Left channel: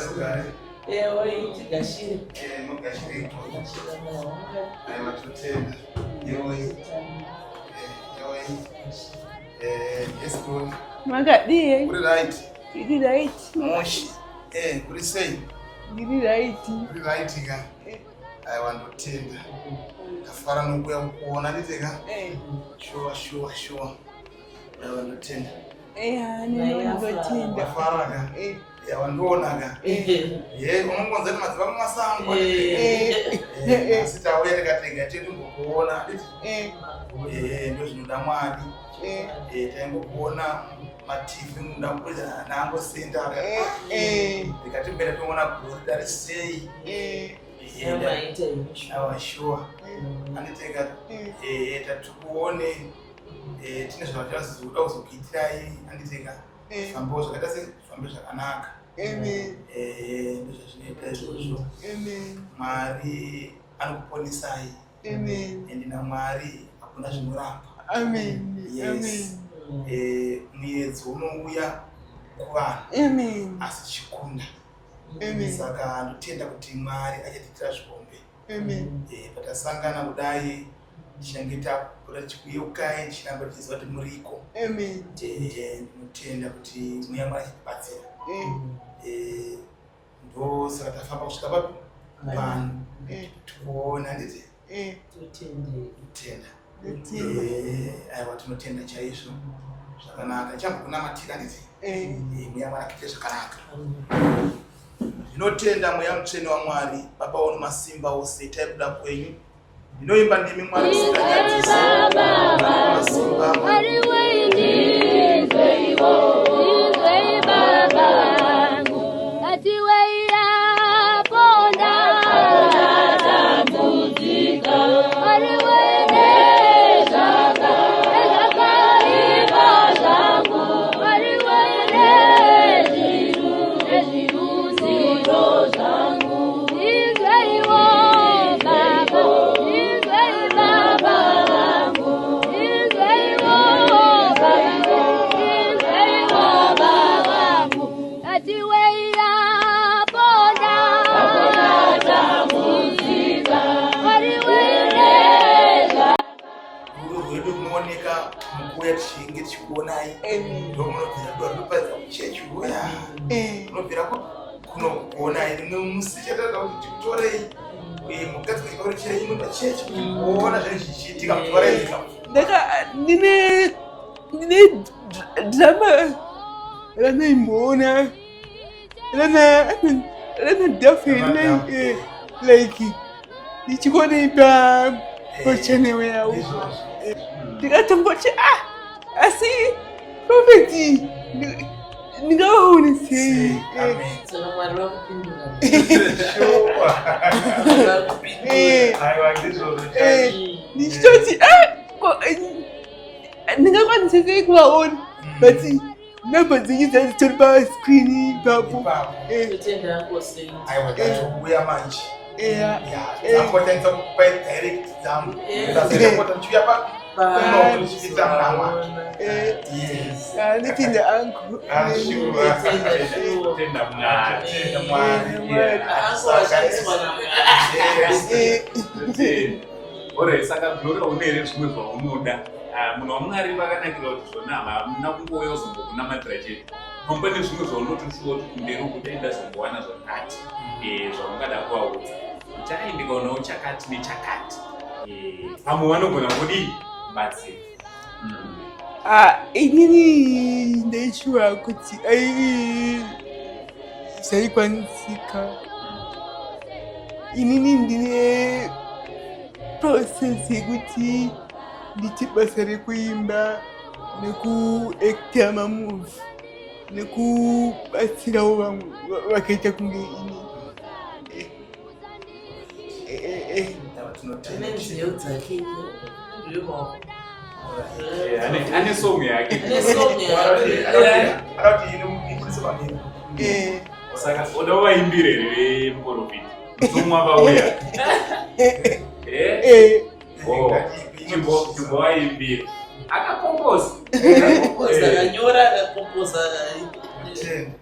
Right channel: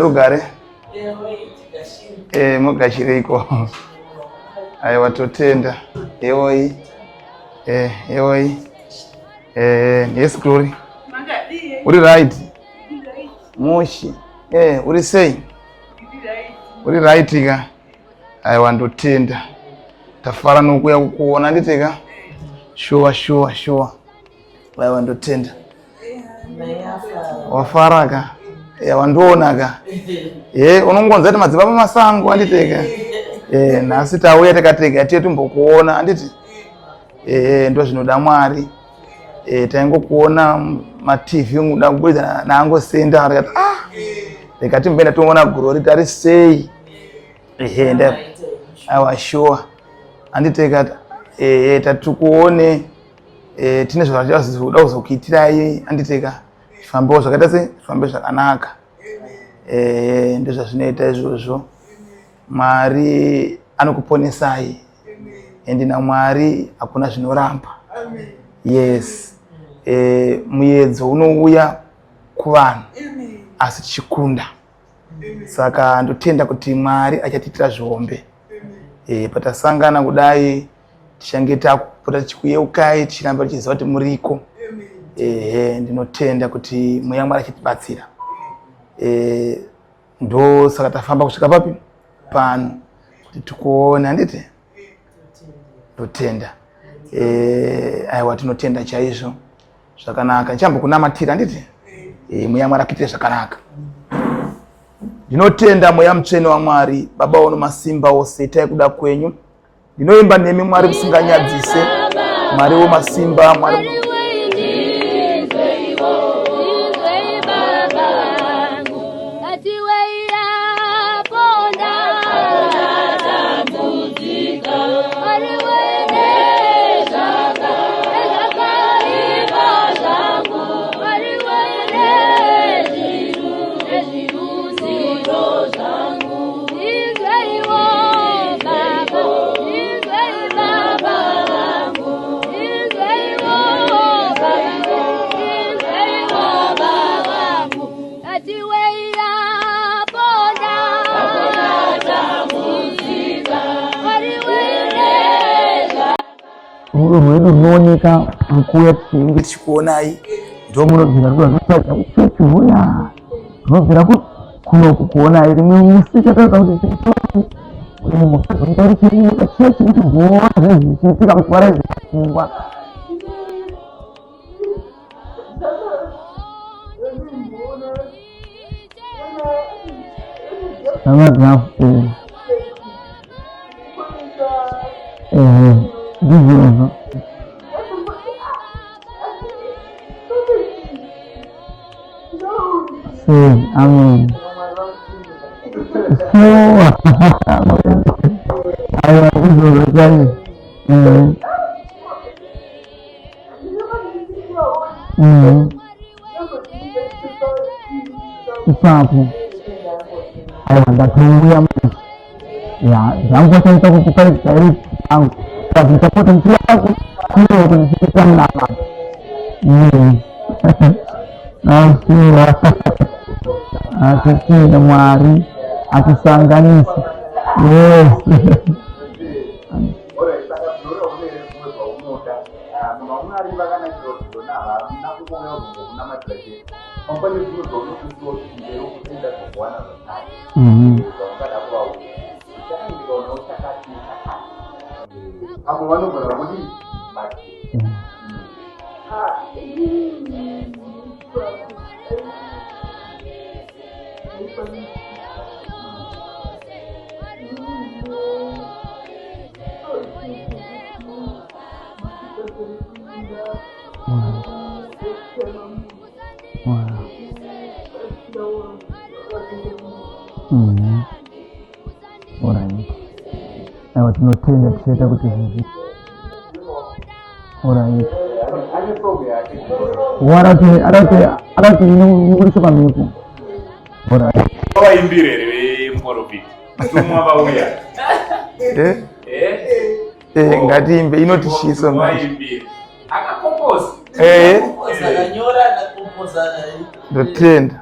Rugare. Mugashiriko. Aiwa totenda. Ewoi. Yes Glory. Magadi. Uri right. Uri right. Moshi. Uri say. Uri right. Uri right ga. Aiwa ndotenda. Tafara nokuya kuona nditeka. Sure. Aiwa ndotenda. Wafaraka. Wandonaga. Unongonza kuti madzibaba masango anditeka. Nasi tauya takateka tiye tumbokuona anditi. Ndo zvinoda Mwari. Taingokuona ma-TV nguda kubudza naangosenda akati rekati mbenda toona Glory tari sei. Aiwa sure. Anditeka tatukuone tine zvazvazoda kuzokuitirai anditeka fambewo zvakaita sei fambe zvakanaka. Ndizvo zvinoita izvozvo. Mwari anokuponesai. Ende naMwari hakuna zvinoramba. Yes. Muyedzo unouya kuvanhu asi tichikunda. Saka ndotenda kuti Mwari achatiitira zvihombe. Patasangana kudai tichange tapota tichikuyeukai tichiramba tichiziva kuti muriko. Ndinotenda kuti mweya Mwari achitibatsira. Ndo saka tafamba kusvika papi pano kuti tikuona nditi totenda. Aiwa tinotenda chaizvo. Zvakanaka nchambo kunamatira nditi mweya Mwari akitire zvakanaka. Ndinotenda mweya mutsvene waMwari Baba ono masimba ose taikuda kwenyu. Ndinoimba nemi Mwari musinganyadzise. Mwari womasimba Mwari rwedu runooneka mukuya tichinge tichikuonai. Ndo munobvira kuchechi huya munobvira kuno kukuonai rimwe musi chataita kuti tikutorei mukadzi waita kuti chiri muchechi kuti mboona zvinhu zvichiitika kuti waraidza pfungwa. Ndine drama ranoimboona rana like ndichikoneita machenewe yavo ndikatongoti asi profeti ndingaone sei. Amen. Sure. Aiwa izvozvo chai ndichitoti ndingakwanisa sei kuvaona but namba dzingi dzitori pascreen ipapo. Aiwa ndatouya manje. Dzangotaita kukupa direct dzangu kazoita kuti ndichiuya pako kuitawo kuti ndichiita munama. Yes. Sure. Atotenda Mwari atisanganisa. Yes. Saka Glory uneere zvimwe zvaunoda munhu waMwari vakanakira kuti zvona hamuna kungouya uzombokunamatira chete. Pane zvimwe zvaunotosiwa kuti mberi ukutoenda zokuwana zvakati zvaungada kuvaudza. Uchakaindikaonawo chakati nechakati. Pamwe vanogona kudii batsira. Inini ndaichiwa kuti zvaikwanisika. Inini ndine process yekuti nditi basa rekuimba nekuacta mamovie nekubatsirawo vamwe vakaita kunge ini. Aiwa tinotenda tichiita kuti zvinhu ane song yake akati inobudisa pamhepo. Unowaimbira here veMporofiti tumwa vauya ngatiimbe inotishiso akapomposa akanyora akakomposa ndotenda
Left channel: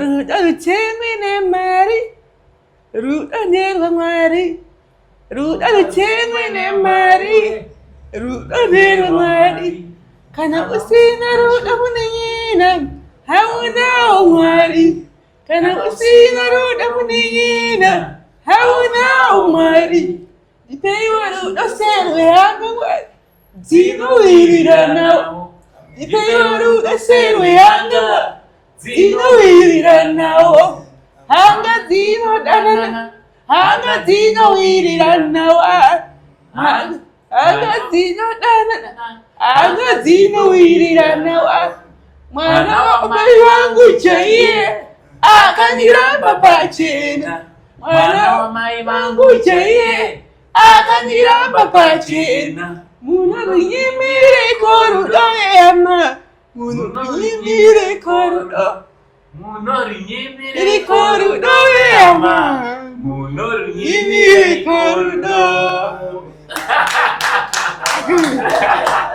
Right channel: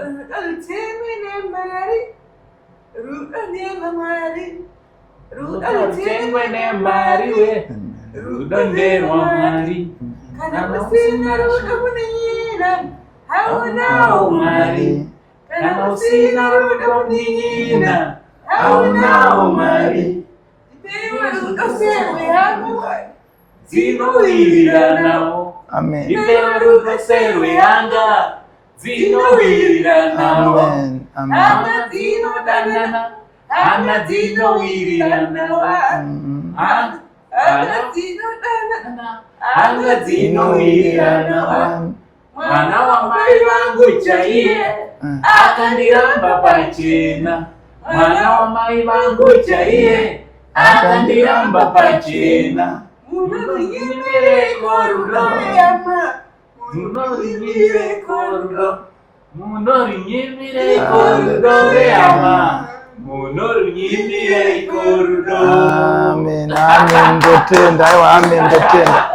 ruda rutengwe nemari ruda nyenga mwari ruda rutengwe nemari ruda nyenga mwari kana usina ruda munanyina hauna mwari kana usina ruda munanyina hauna mwari ipeiwa ruda serwe yangu mwari zinowirirana amen ipeiwa ruda serwe yanga zinowirirana anga zinodanana anga zinowirirana anga zinodanana anga zinowirirana mwana wa mai wangu chaiye akandiramba pachena mwana wa mai wangu chaiye akandiramba pachena munonyimire korudo yama munonyimire korudo munonyimire korudo yama munonyimire korudo amen amen ndotenda amen ndotenda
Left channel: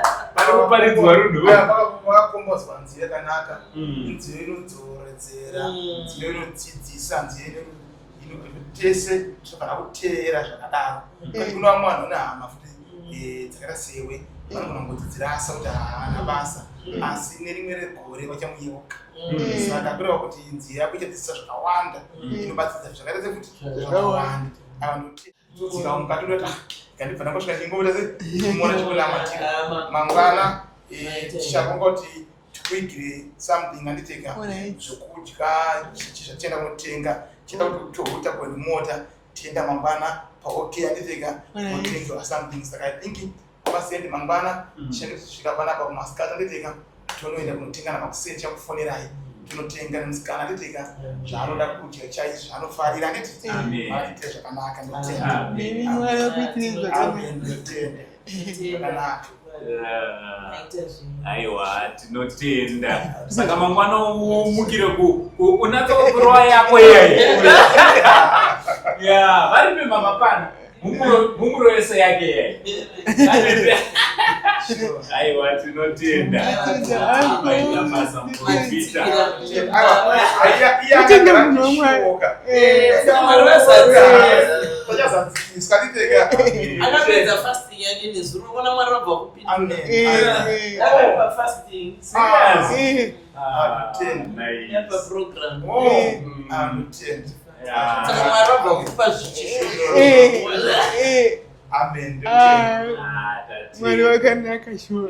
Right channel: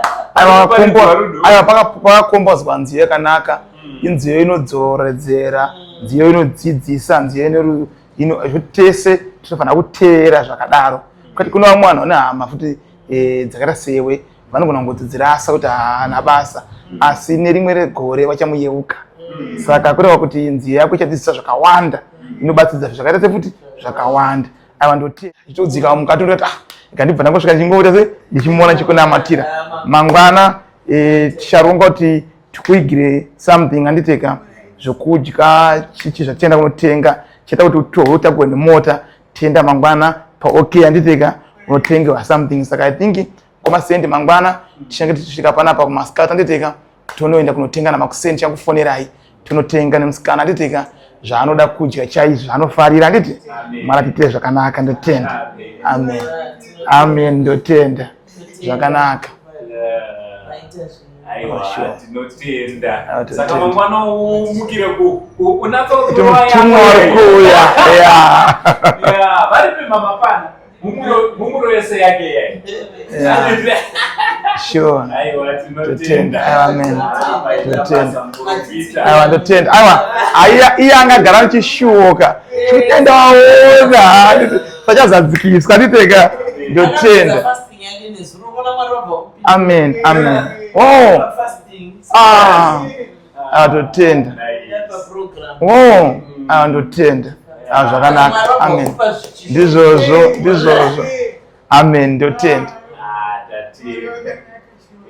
pakakombozwa nziyo yakanaka inziyo inodzoredzera nziyo inodzidzisa nziyo tese tinofanira kuteera zvakadaro kati kuna vamwe vanhu vane hama futi dzakaita sewe vanogona kungodzidzirasa kuti haana basa asi nerimwe regore vachamuyeuka saka kureva kuti nziyo yako ichadzidzisa zvakawanda inobatsidza zvakaita sefuti zvakawanda ava ndotiudzika mukati ndoti ikandibva ndangosvika ndichingoita se ndichimuona chikunamatira mangwana ticharonga kuti tikuigire something anditeka zvokudya chichi zvatienda kunotenga chaita kuti totakuwe nemota tienda mangwana paok anditeka unotengewa something saka I think kwamasendi mangwana tichange tichisvika panapa kumasikati anditeka tonoenda kunotenga namakusendi chakufonerai tonotenga nemusikana anditeka zvaanoda kudya chaizvo zvaanofarira anditi mara tiite zvakanaka ndotenda amen amen ndotenda zvakanaka aiwa tinotenda saka mangwana umukire unatsokuya varipi mama pana mumuro wese yake yai sure aiwa tinotenda amen aiwa ndotenda aiwa iye angagara nichishoka enda waona sachazadzikiswa nditeka ndotenda amen amen ndotenda ndotenda zvakanaka amen ndizvozvo amen ndotenda mwari wakanaka shuwa